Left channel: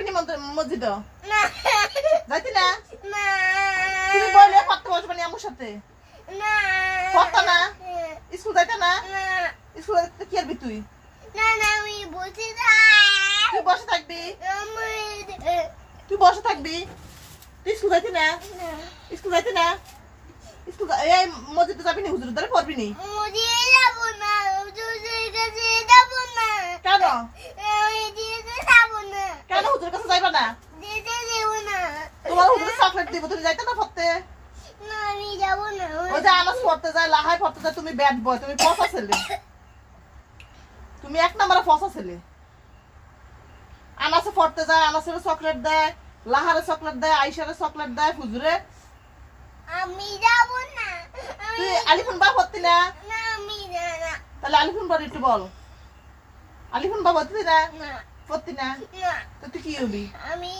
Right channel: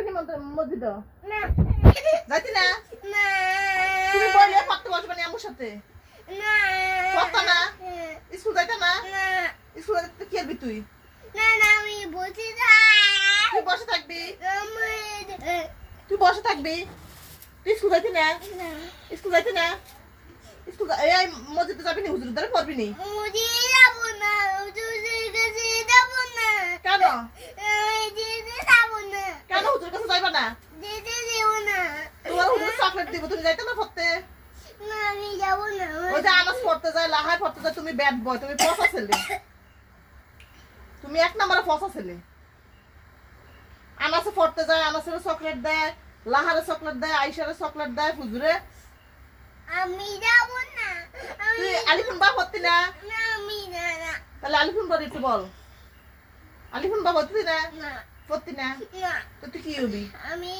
যাবি নি মসজিদ? না যাইতি না? না তুমি বললে পড়তে বসবে নি আমার সাথে? না পড়তা না? স্কুল যাইতা না? না স্কুল যাইতে কি করবি তুই? না না আমি বসে তুই বসে থাকবি? তুই বসে থাকবি? তুই স্কুল যাইতি না? স্কুল যাইতি না? স্কুল এই মসজিদে যাবি নি? হুজুরের দ্বারা পড়বি নি? মুজি যাব না হুজুরের কাছে যাব না কেন? আমি দিতে যাব না কেন হুজুরের কাছে যাইবা না? দিতে দেব না তোমার হুজুর চকলেট দিব, তুমি যাইতে না পড়তে? না আমি যাব না ওই যে আনাস পড়তে যায়, লাহাই পড়তে যায়, তুমি ব্যাড বয়, তুমি পচা ছেলে। তুমি এক নম্বরে পচা ছেলে। আনাসে পড়তে যায়, আনাসের চকলেট দেয়, লাহারে চকলেট দেয়, আইসারে চকলেট দেয়, হুজুরে। আমি যাব না আমি তুই আলিফুন বা পড়তি না? না আমি না না তাহলে আলিফুন পড়ি একটু বল। আলিফুন বা পড়তি না? না পড়তি না? না তো তুই কি হবি? আমি